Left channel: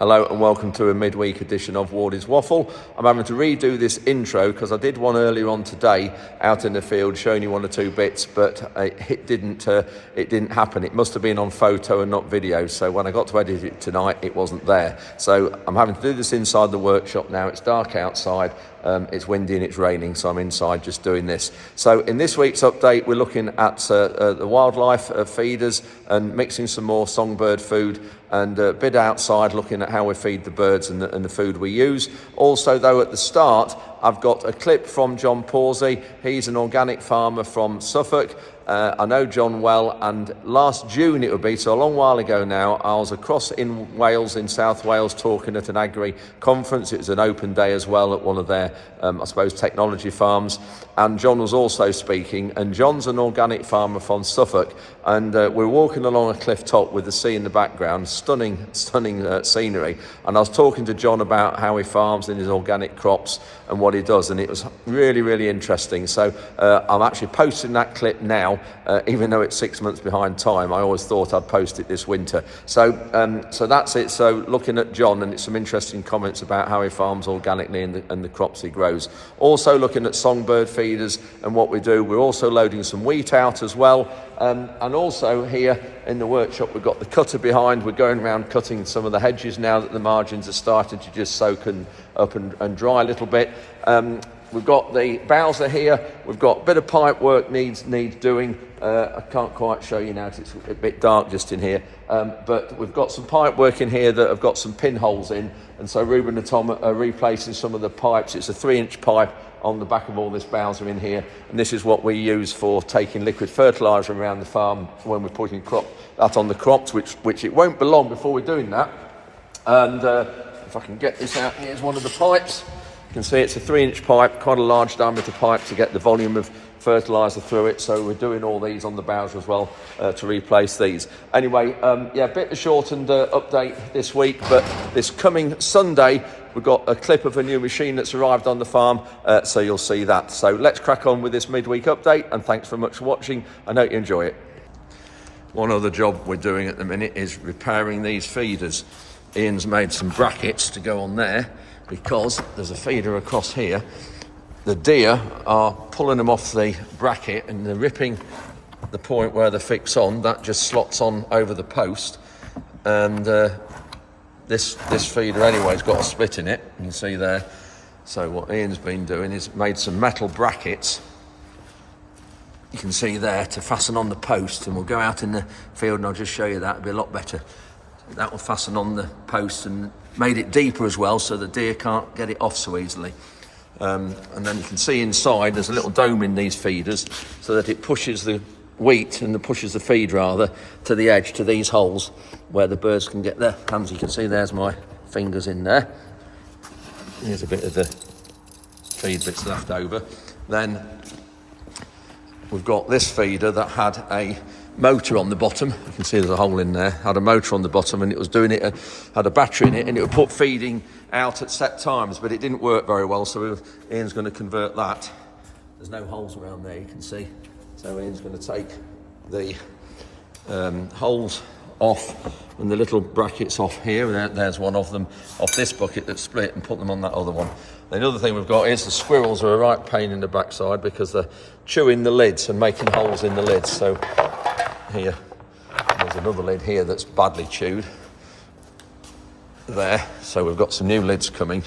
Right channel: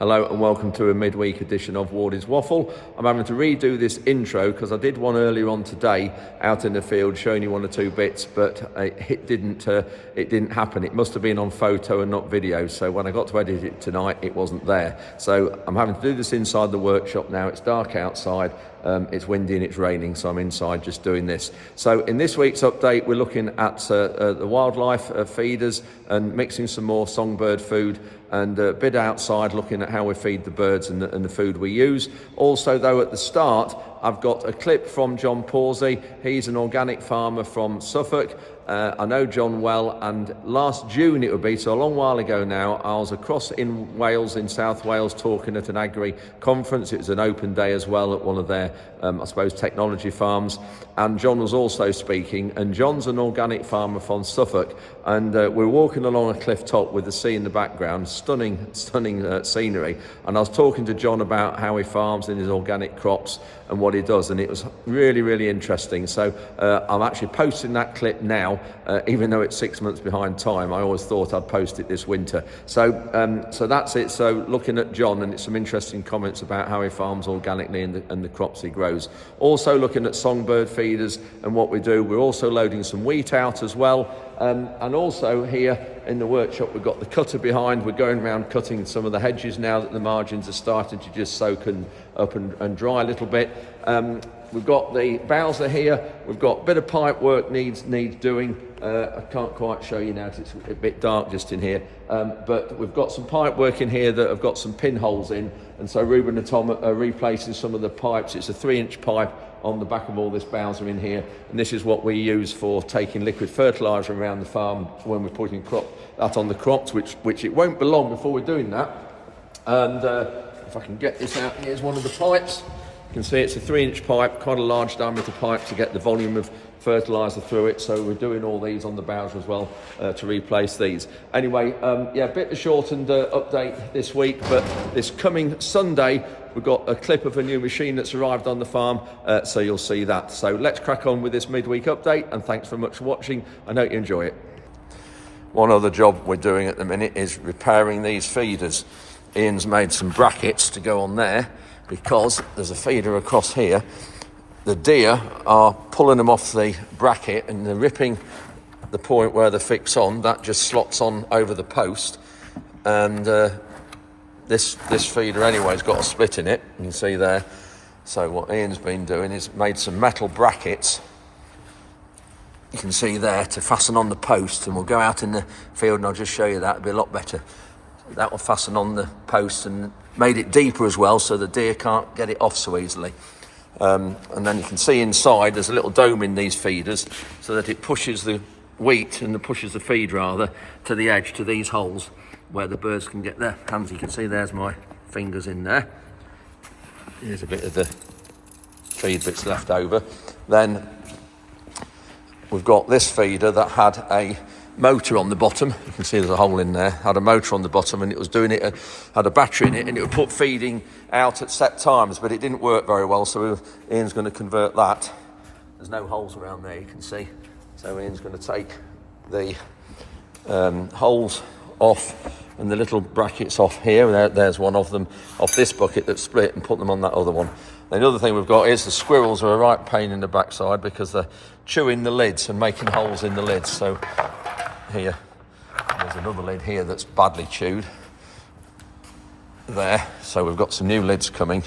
Hello and welcome to a midweek edition of Wardy's Waffle. I'm having to redo this intro because I did one earlier on today out in the field showing you one or two bits, but it didn't happen. It must have been on photo and not video, so when I got to edit it tonight it wasn't there. So I'm having to do this inside the workshop now. It's dark outside, it's windy and it's raining, so I'm inside just doing this. So in this week's update we're looking at the wildlife feeders and mixing some more songbird food, and a bit outside looking at how we feed the birds and the food we use. Also though, at the start I've got a clip from John Pawsey. He's an organic farmer from Suffolk. I know John well, and last June it would be, so a long while ago now, I was across in Wales, in South Wales, talking at an agri conference. It was an open day as well at one of their, I suppose, technology farms, and John was also speaking, and John's an organic farmer from Suffolk, and we're walking along a cliff top with the sea in the background, stunning scenery, and I was talking to John about how he farms in his organic crops and what he does, and it was really interesting. So I'm actually posting that clip now, even though it's 6 months behind time. I always thought I'd post it this winter. So that's it. So looking at John, and it's some interesting comments about how he farms organically and the crops he grows. Also looking at songbird feeders and what we do. We're also loading some wheat out as well. And also here in the workshop we've got the cutter behind. We're going around cutting some of the hedges now that the margins are starting to just soak up and dry a little bit. We've got the bowser here. We've got a bit of pipe work needs doing. I can't quite show you now, it's a bit dark just in here. But we've got some pipe work in here that have got some pinholes in, and so Ruben and Tom are replacing some of the pipes. It's a 3-inch pipe on the back of all this bowser in here, and this is what we use for taking liquid fertiliser around the farm when we're putting that on the crops, which it won't be long before we're doing that. And if I can get this out, here's one of the pipes. You can see it's a 3-inch pipe, quite a large diameter pipe to get the volume of fertiliser through it, so we're doing all these on the bowser as well to replace these. Anyway, yeah, a bit of a shortened update this week, but this coming Sunday we've got a clip of a new machine that's arrived on the farm, so you'll see that. So let's crack on with this midweek update, and thanks very much for watching. I know you enjoy it. One other job we're doing at the minute is repairing these feeders. Ian's made some brackets to go on there because there's a feeder across here. The deer are pulling them off the bracket and they're ripping the point where they fix on. That just slots on over the post, and this feeder anyway has got a split in it, you can see there. So what Ian's been doing is made some metal brackets, you can see there, to fasten on the post, and we'll go out in the field and I'll just show you that. It'll be a lot better. That will fasten on the post, and made it deeper as well so the deer can't get it off so easily. And then you can see inside there's a little dome in these feeders so that it pushes the wheat and pushes the feed rather to the edge, to these holes where the birds can get their hands. You can see there's my fingers in there. Here's a bit of the feed bits left over. Then we've got this feeder that had a motor on the bottom. You can see there's a hole in there. Had a motor on the bottom, and it was doing it, had a battery in it, and it would put feeding out at set times, but it didn't work very well, so Ian's going to convert that. There's no holes around there, you can see, so Ian's going to take the holes off and the little brackets off here, and there's one of them off this bucket that's split, and put them on that other one. The other thing we've got is the squirrels are a right pain in the backside because they're chewing the lids and making holes in the lids. So here, there's another lid here that's badly chewed there, so we've got some new lids coming,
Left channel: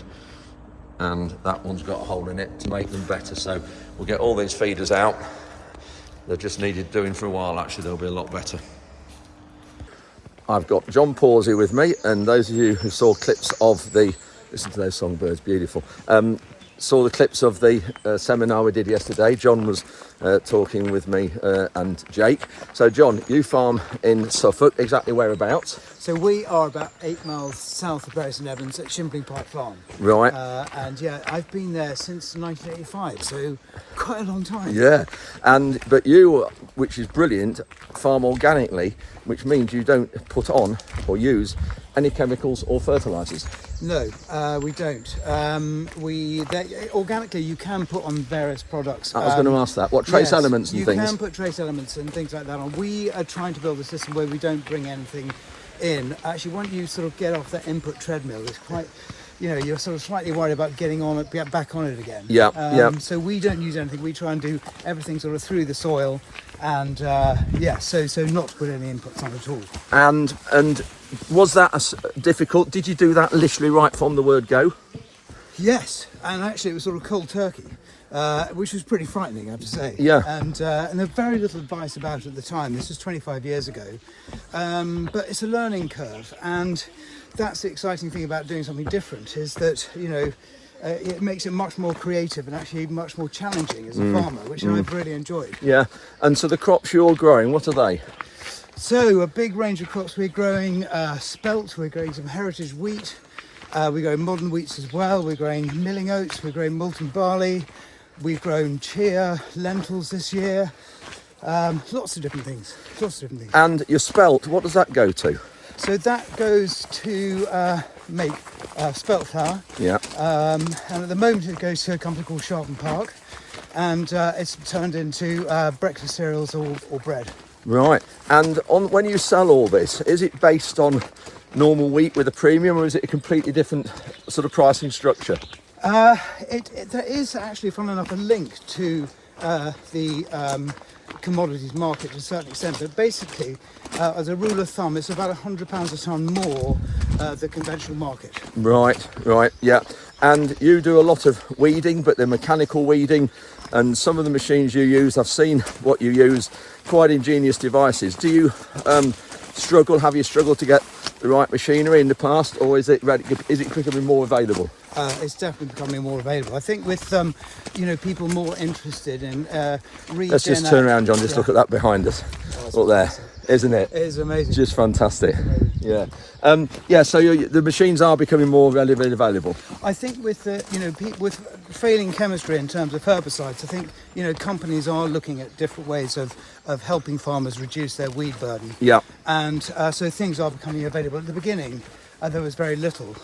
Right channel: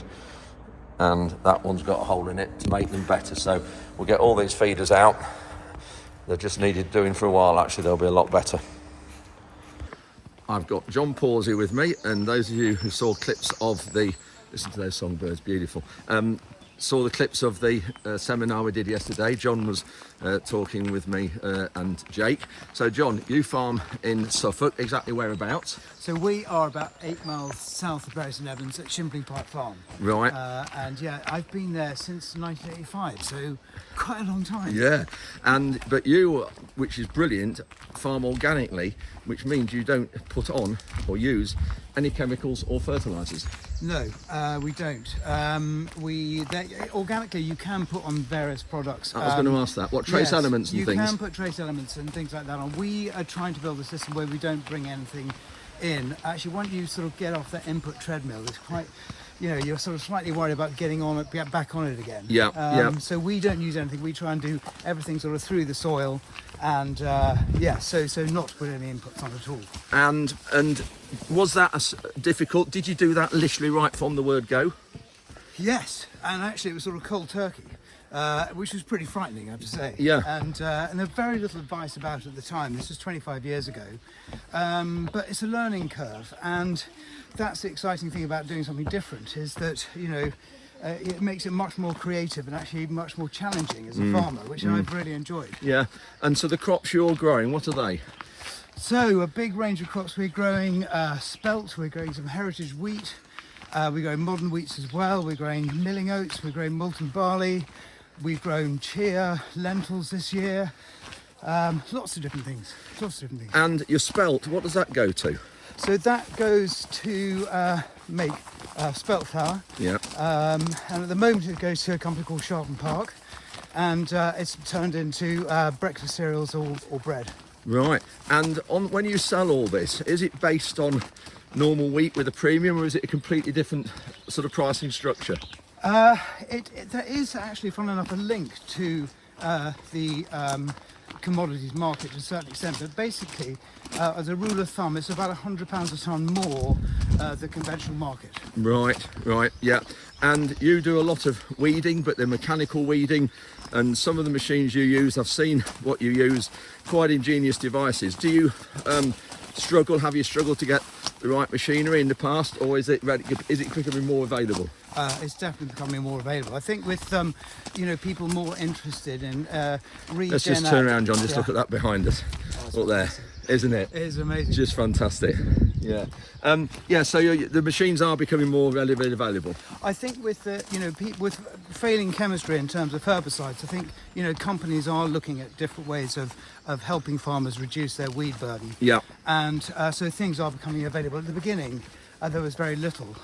and that one's got a hole in it to make them better. So we'll get all these feeders out. They've just needed doing for a while. Actually, they'll be a lot better. I've got John Pawsey with me, and those of you who saw clips of the, listen to those songbirds, beautiful, saw the clips of the seminar we did yesterday. John was talking with me and Jake. So John, you farm in Suffolk, exactly whereabouts? So we are about 8 miles south of Bury St Evans at Shimpling Park Farm. Right. And yeah, I've been there since 1985, so quite a long time. Yeah, but you, which is brilliant, farm organically, which means you don't put on or use any chemicals or fertilisers. No, we don't. Organically, you can put on various products. I was going to ask that. What trace elements and things? You can put trace elements and things like that on. We are trying to build a system where we don't bring anything in, actually, once you sort of get off that input treadmill, it's quite, you know, you're sort of slightly worried about getting on it, get back on it again. Yeah, yeah. So we don't use anything. We try and do everything sort of through the soil, and yeah, so not to put any inputs on at all. And was that difficult? Did you do that literally right from the word go? Yes, and actually it was sort of cold turkey, which was pretty frightening, I have to say. Yeah. And there's very little advice about it at the time. This was 25 years ago. But it's a learning curve, and that's the exciting thing about doing something different, is that, you know, it makes it much more creative and actually much more challenging as a farmer, which I've really enjoyed. Yeah. And so the crops you're growing, what are they? So a big range of crops. We're growing spelt, we're growing some heritage wheat, we're growing modern wheats as well, we're growing milling oats, we're growing malting barley, we've grown chia, lentils this year, lots of different things, And your spelt, what does that go to? So that goes to make spelt flour, Yeah. and at the moment it goes to a company called Sharpen Park, and it's turned into breakfast cereals or bread. Right. And when you sell all this, is it based on normal wheat with a premium, or is it a completely different sort of pricing structure? There is actually, funnily enough, a link to the commodities market to a certain extent, but basically, as a rule of thumb, it's about £100 a tonne more the conventional market. Right, yeah. And you do a lot of weeding, but they're mechanical weeding, and some of the machines you use, I've seen what you use, quite ingenious devices. Do you have you struggled to get the right machinery in the past, or is it becoming more available? It's definitely becoming more available. I think with you know, people more interested in Let's just turn around, John. Just look at that behind us. Look there, isn't it? It is amazing. Just fantastic. Yeah. Yeah. So the machines are becoming more readily available. I think with you know, with failing chemistry in terms of herbicides, I think, you know, companies are looking at different ways of helping farmers reduce their weed burden. Yeah. And so things are becoming available. At the beginning, there was very little.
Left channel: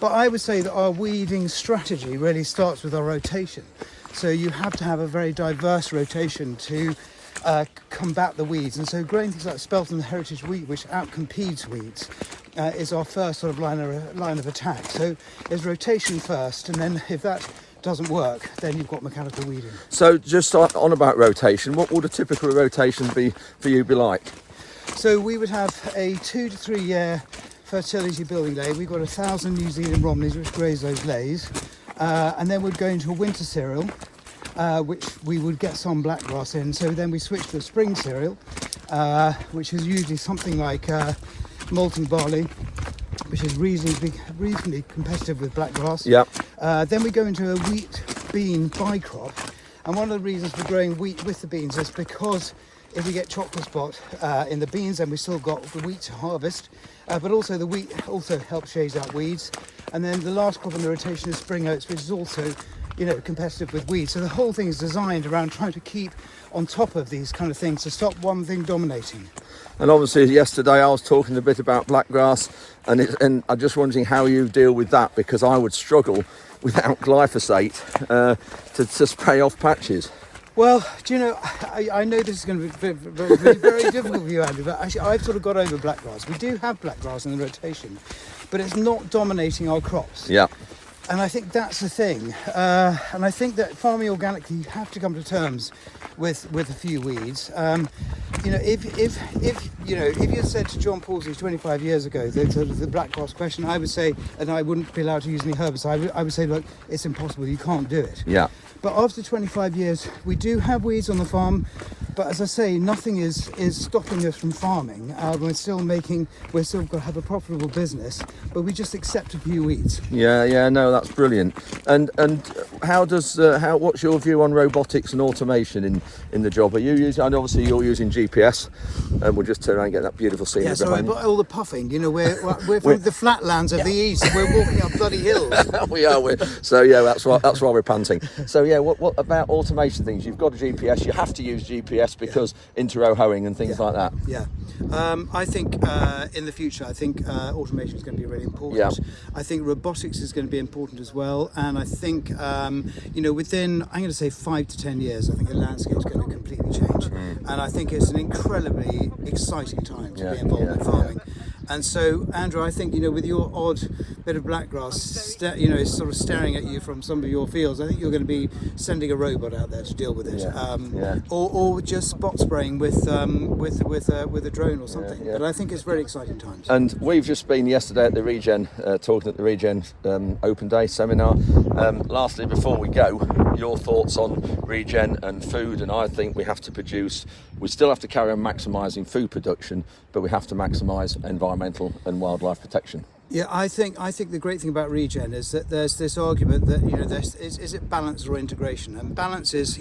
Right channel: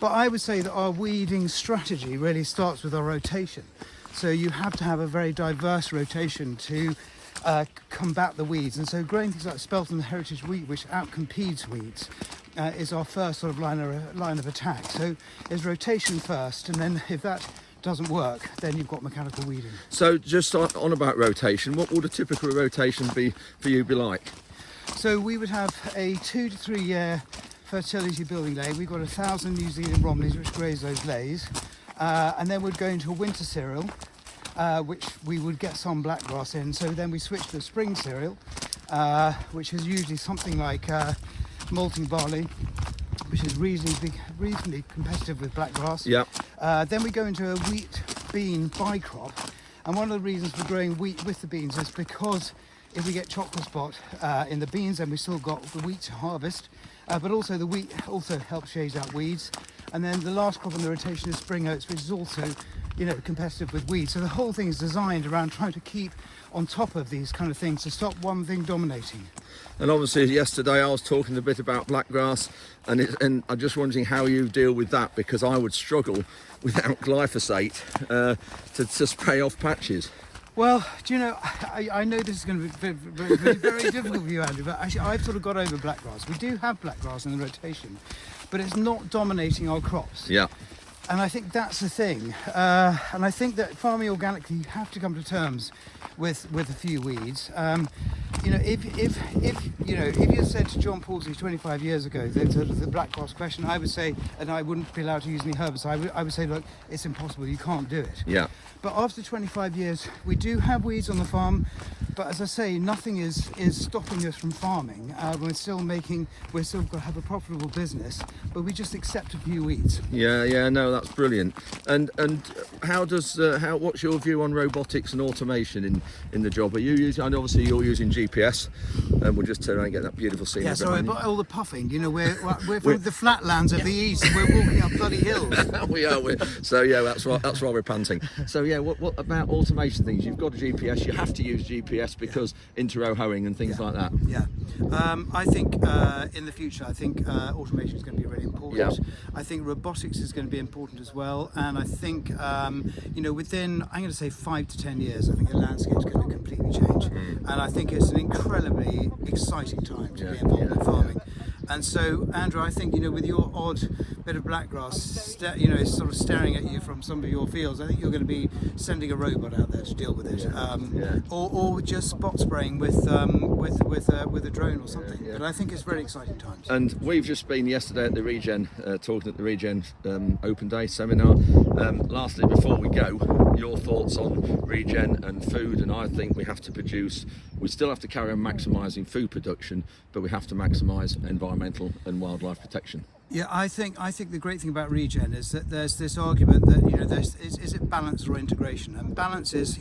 But I would say that our weeding strategy really starts with our rotation. So you have to have a very diverse rotation to combat the weeds. And so growing things like spelt and heritage wheat, which outcompetes weeds, is our first sort of line of attack. So there's rotation first, and then if that doesn't work, then you've got mechanical weeding. So just on about rotation, what would a typical rotation be for you be like? So we would have a 2 to 3 year fertility building lay. We've got 1,000 New Zealand Romneys which graze those lays, and then we'd go into a winter cereal, which we would get some blackgrass in. So then we switch to a spring cereal, which is usually something like malting barley, which is reasonably competitive with blackgrass. Yeah. Then we go into a wheat bean bicrop, and one of the reasons for growing wheat with the beans is because if we get chocolate spot in the beans, then we still got the wheat to harvest, but also the wheat also helps chase out weeds. And then the last crop in the rotation is spring oats, which is also, you know, competitive with weeds. So the whole thing is designed around trying to keep on top of these kind of things to stop one thing dominating. And obviously yesterday I was talking a bit about blackgrass, and I'm just wondering how you deal with that, because I would struggle without glyphosate to spray off patches. Well, do you know, I know this is going to be very difficult for you, Andy, but actually I've sort of got over blackgrass. We do have blackgrass in the rotation, but it's not dominating our crops. Yeah. And I think that's the thing. And I think that farming organically, you have to come to terms with a few weeds. You know, if you had said to John Paulsey 25 years ago that the blackgrass question, I would say, and I wouldn't be allowed to use any herbicide, I would say, look, it's impossible, you can't do it. Yeah. But after 25 years, we do have weeds on the farm, but as I say, nothing is stopping us from farming. We're still going to have a profitable business, but we just accept a few weeds. Yeah, no, that's brilliant. And what's your view on robotics and automation in the job? Are you using, and obviously you're using GPS, and we'll just turn around and get that beautiful scenery behind you. Yeah, so all the puffing, you know, we're from the flatlands of the east, and we're walking up bloody hills. We are. So yeah, that's why we're panting. So yeah, what about automation things? You've got a GPS. You have to use GPS because inter-row hoeing and things like that. Yeah. I think in the future, I think automation is going to be really important. Yeah. I think robotics is going to be important as well. And I think, you know, within, I'm going to say 5 to 10 years, I think the landscape is going to completely change. And I think it's an incredibly exciting time to be involved in farming. And so, Andrew, I think, with your odd bit of blackgrass, sort of staring at you from some of your fields, I think you're going to be sending a robot out there to deal with it, or just spot spraying with a drone or something. But I think it's very exciting times. And we've just been yesterday at the Regen, talking at the Regen Open Day seminar. Lastly, before we go, your thoughts on Regen and food. And I think we have to produce. We still have to carry on maximising food production, but we have to maximise environmental and wildlife protection. Yeah, I think the great thing about Regen is that there's this argument that is it balance or integration? And balance is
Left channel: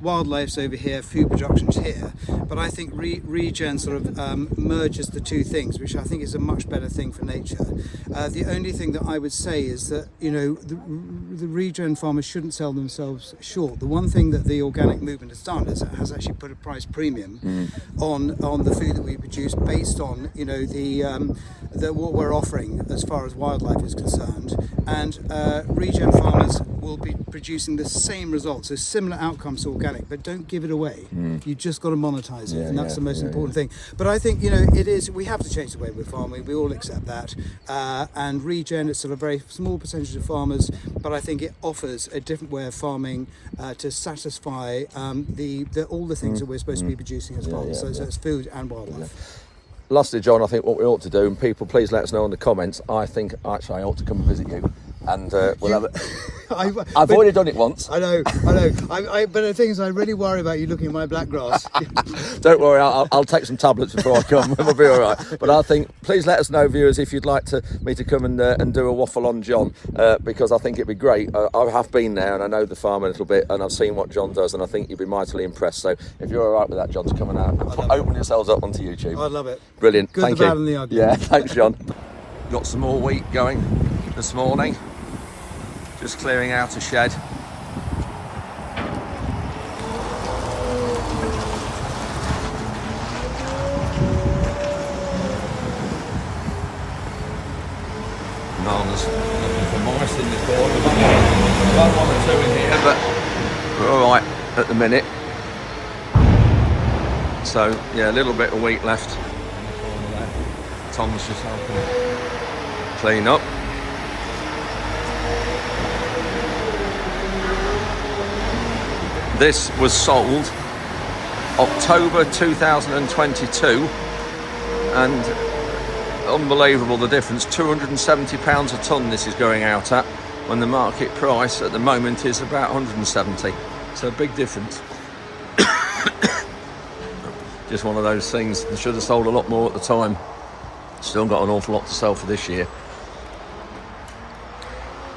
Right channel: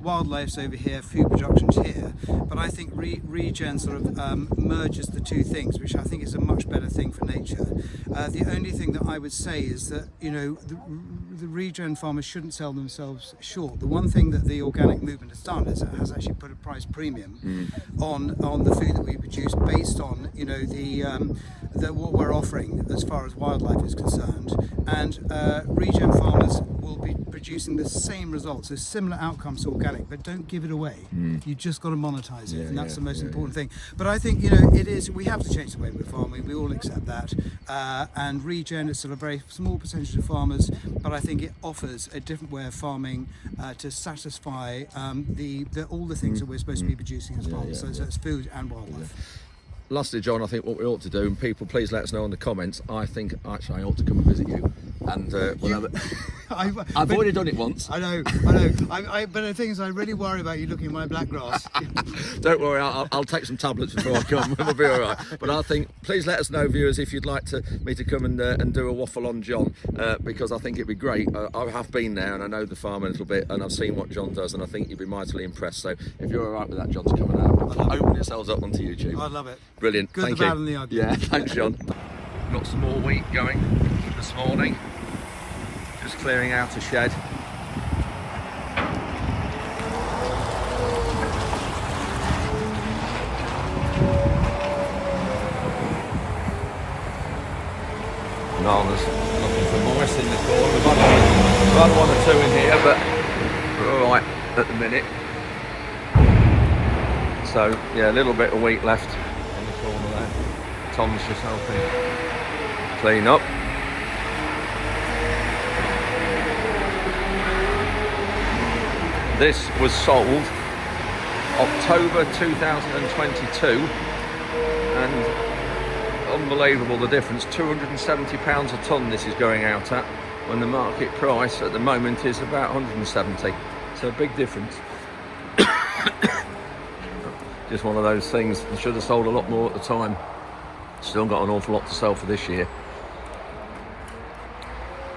wildlife's over here, food production's here. But I think Regen sort of merges the two things, which I think is a much better thing for nature. The only thing that I would say is that the Regen farmers shouldn't sell themselves short. The one thing that the organic movement has done is it has actually put a price premium on the food that we produce based on what we're offering as far as wildlife is concerned, and Regen farmers will be producing the same results, so similar outcomes to organic, but don't give it away. You just got to monetize it, and that's the most important thing. But I think we have to change the way we're farming. We all accept that, and Regen is still a very small percentage of farmers, but I think it offers a different way of farming to satisfy all the things that we're supposed to be producing as farmers. So it's food and wildlife. Lastly, John, I think what we ought to do, and people please let us know in the comments, I think actually I ought to come and visit you, and we'll have it. I've already done it once. I know. But the thing is, I really worry about you looking at my black grass. Don't worry, I'll take some tablets before I come. We'll be all right. But I think, please let us know, viewers, if you'd like me to come and do a waffle on John, because I think it'd be great. I have been there and I know the farm a little bit, and I've seen what John does, and I think you'd be mightily impressed. So if you're all right with that, John, to come and open yourselves up onto YouTube. I love it. Brilliant. Good, Thank the you. bad and the ugly. Yeah, thanks, John. Got some more wheat going this morning. Just clearing out a shed. Nana's looking for mice in the corner. We've had one or two in here, but we're all right at the minute. So yeah, a little bit of wheat left in the corner there. Tom's just helping clean up. This was sold October 2022, and unbelievable the difference, £270 a tonne this is going out at, when the market price at the moment is about 170, so a big difference. Just one of those things. I should have sold a lot more at the time. Still got an awful lot to sell for this year.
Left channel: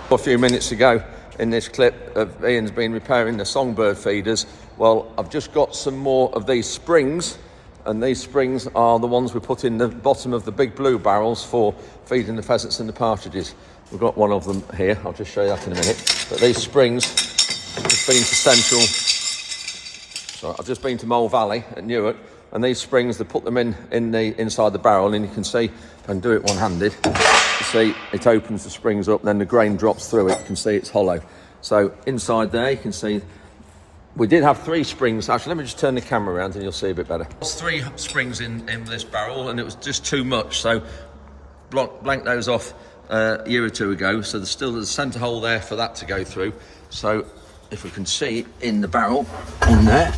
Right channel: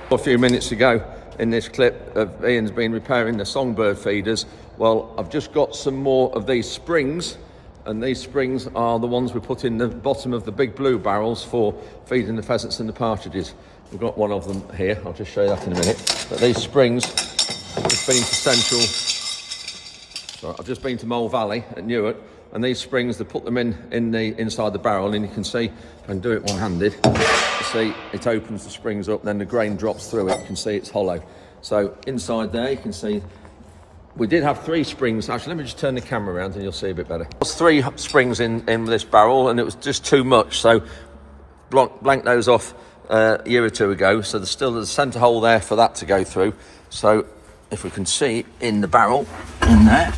A few minutes ago in this clip of Ian's been repairing the songbird feeders. Well, I've just got some more of these springs, and these springs are the ones we put in the bottom of the big blue barrels for feeding the pheasants and the partridges. We've got one of them here. I'll just show you that in a minute. But these springs, I've just been to Mole Valley at Newark, and these springs, they put them inside the barrel, and you can see, if I can do it one-handed, you see it opens the springs up, and then the grain drops through it. You can see it's hollow. So inside there, you can see we did have 3 springs. Actually, let me just turn the camera around and you'll see a bit better. There was 3 springs in this barrel, and it was just too much. So blanked those off a year or 2 ago. So there's still a centre hole there for that to go through. So if we can see in the barrel, in there,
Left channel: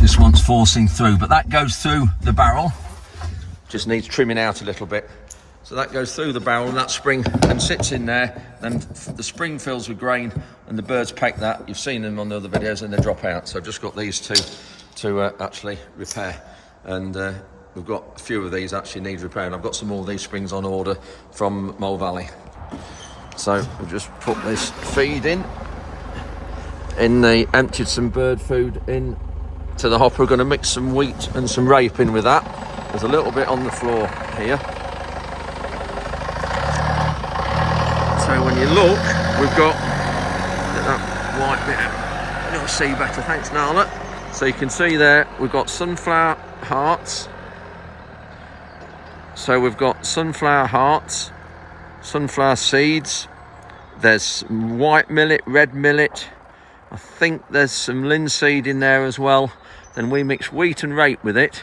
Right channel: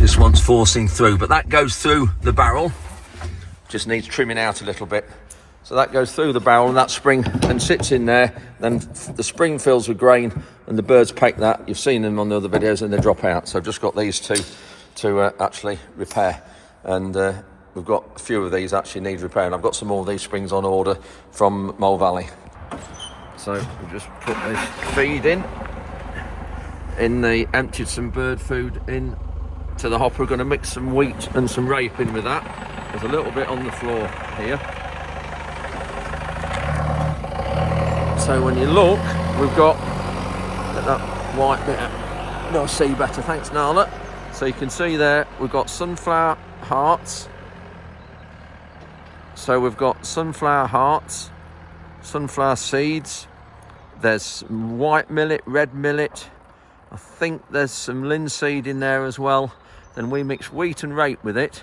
this one's forcing through, but that goes through the barrel. Just needs trimming out a little bit. So that goes through the barrel, and that spring and sits in there. Then the spring fills with grain, and the birds peck that. You've seen them on the other videos, and they drop out. So I've just got these 2 to actually repair, and we've got a few of these actually need repairing. I've got some more of these springs on order from Mole Valley. So we've just put this feed in the emptied some bird food in to the hopper. We're going to mix some wheat and some rape in with that. There's a little bit on the floor here. So when you look, we've got that white bit. You'll see better, thanks Nala. So you can see there, we've got sunflower hearts. So we've got sunflower hearts, sunflower seeds. There's some white millet, red millet. I think there's some linseed in there as well. Then we mix wheat and rape with it,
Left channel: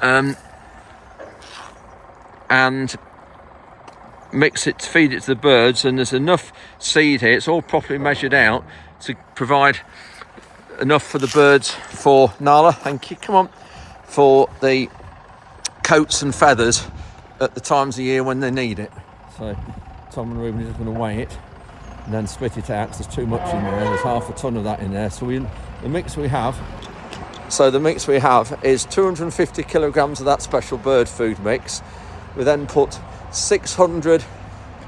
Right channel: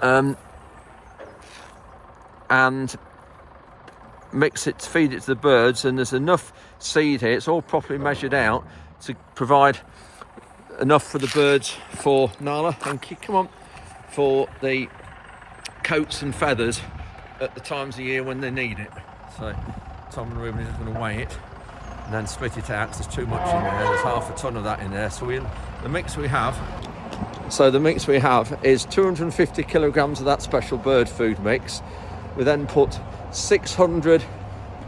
and mix it, feed it to the birds, and there's enough seed here, it's all properly measured out to provide enough for the birds for Nala, thank you, come on, for the coats and feathers at the times of the year when they need it. So Tom and Ruben are just going to weigh it and then split it out because there's too much in there. There's half a ton of that in there. So the mix we have is 250 kilograms of that special bird food mix. We then put 600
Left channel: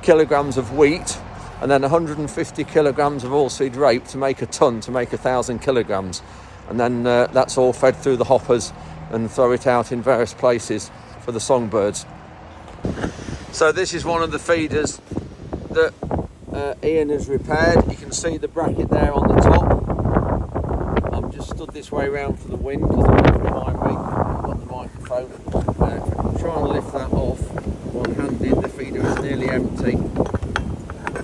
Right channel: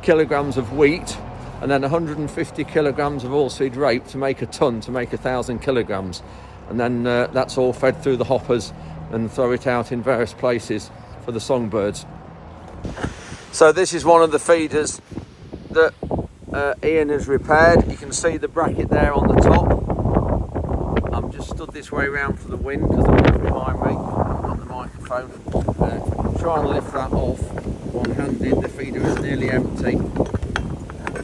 kilograms of wheat and then 150 kilograms of oilseed rape to make a ton, to make 1,000 kilograms. And then that's all fed through the hoppers and throw it out in various places for the songbirds. So this is one of the feeders that Ian has repaired. You can see the bracket there on the top. I'm just stood this way around for the wind because the wind's behind me. I've got the microphone. Trying to lift that off one-handed. The feeder is nearly empty.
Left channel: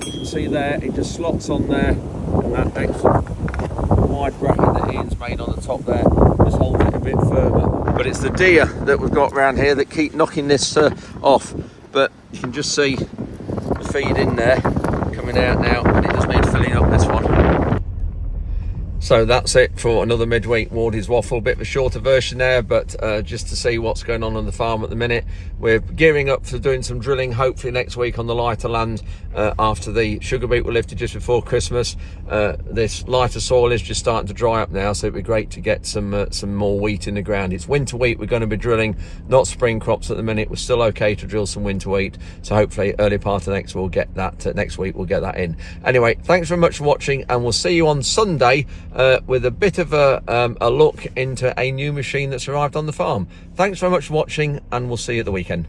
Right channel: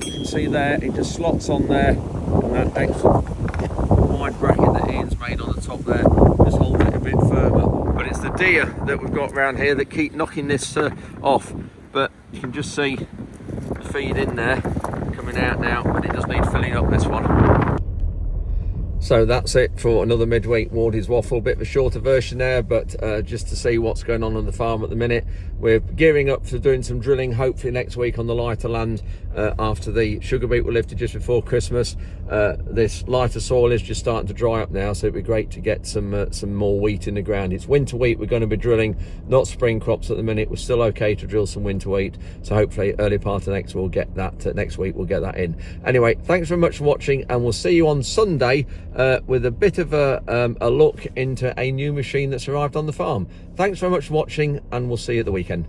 You can see there, it just slots on there, and that extra wide bracket that Ian's made on the top there just holds it a bit firmer. But it's the deer that we've got around here that keep knocking this off. But you can just see the feed in there coming out now, but it does need filling up, this one. So that's it for another midweek Wardy's Waffle. Bit of a shorter version there, but just to see what's going on the farm at the minute. We're gearing up for doing some drilling hopefully next week on the lighter land after the sugar beet were lifted just before Christmas. This lighter soil is just starting to dry up now, so it'd be great to get some more wheat in the ground. It's winter wheat we're going to be drilling, not spring crops at the minute. We're still okay to drill some winter wheat, so hopefully early part of next we'll get that next week we'll get that in. Anyway, thanks very much for watching, and we'll see you on Sunday with a bit of a look into a new machine that's arrived on the farm. Thanks very much for watching, and we'll see you at the weekend.